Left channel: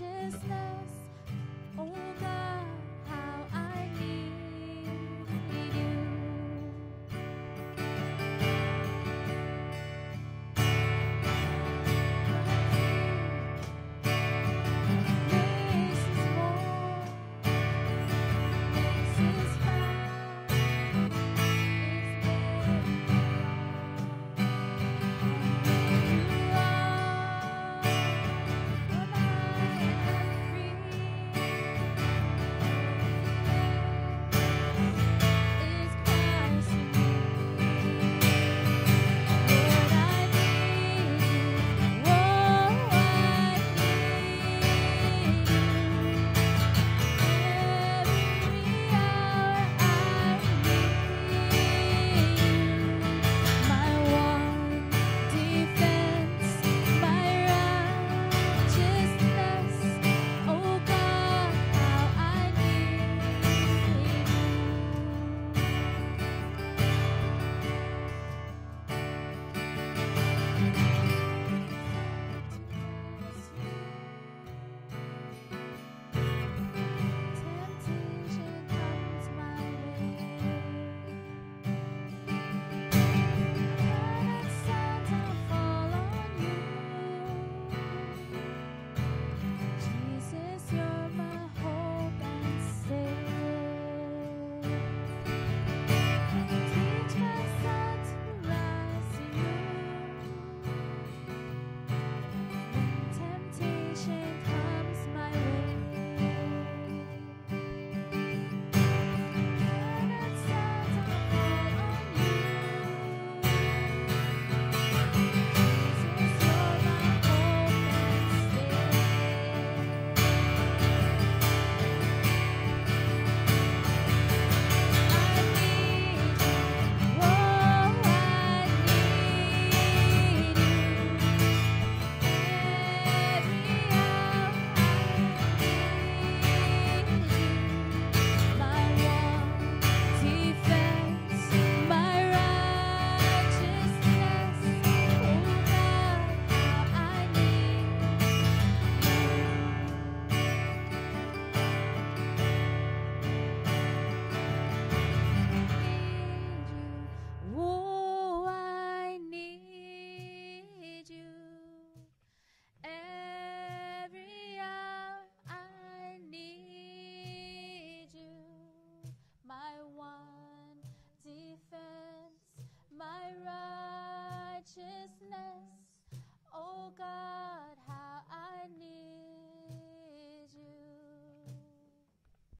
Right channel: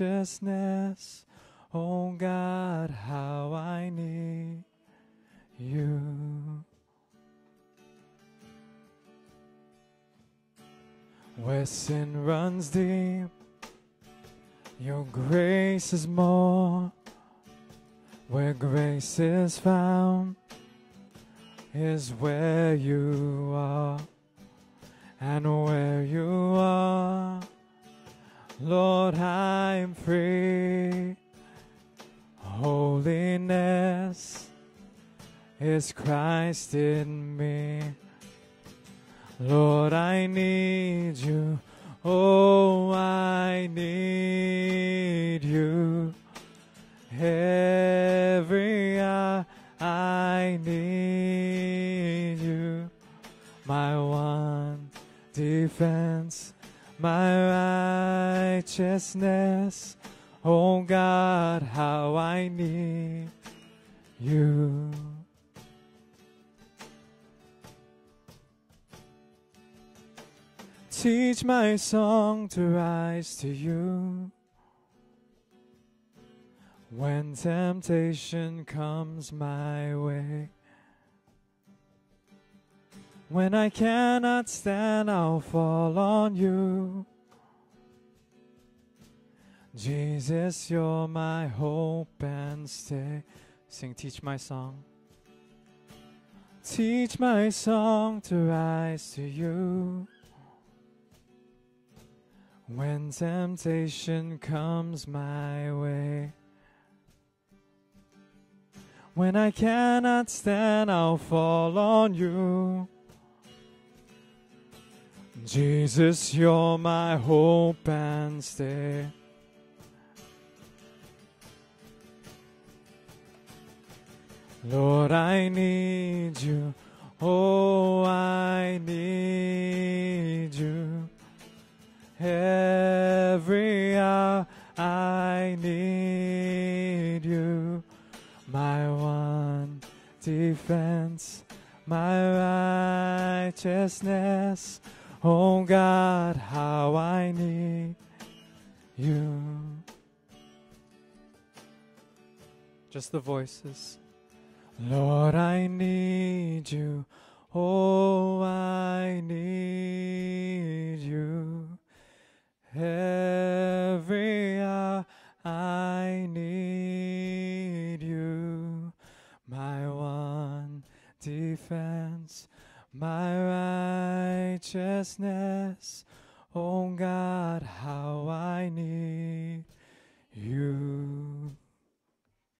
righteousness. Oh God, how I need you. Where sin runs deep, your grace is more. Where grace is found is where you are. And where you are, Lord, I am free. Holiness is Christ in me. Lord, I need you. Oh, I need you. Every hour I need you. My one defense, my righteousness. Oh God, how I need you. Teach my song to rise to you when temptation comes my way. When I cannot stand, I'll fall on you. Jesus, you're my hope and stay. Sing, teach my song. Teach my song to rise to you when temptation comes my way. When I cannot stand, I'll fall on you. Jesus, you're my hope and stay. Lord, I need you. Oh, I need you. Every hour I need you. My one defense, my righteousness. Oh God, how I need you. Just the voices. Lord, I need you. Oh, I need you. Every hour I need you. My one defense, my righteousness. Oh God, how I need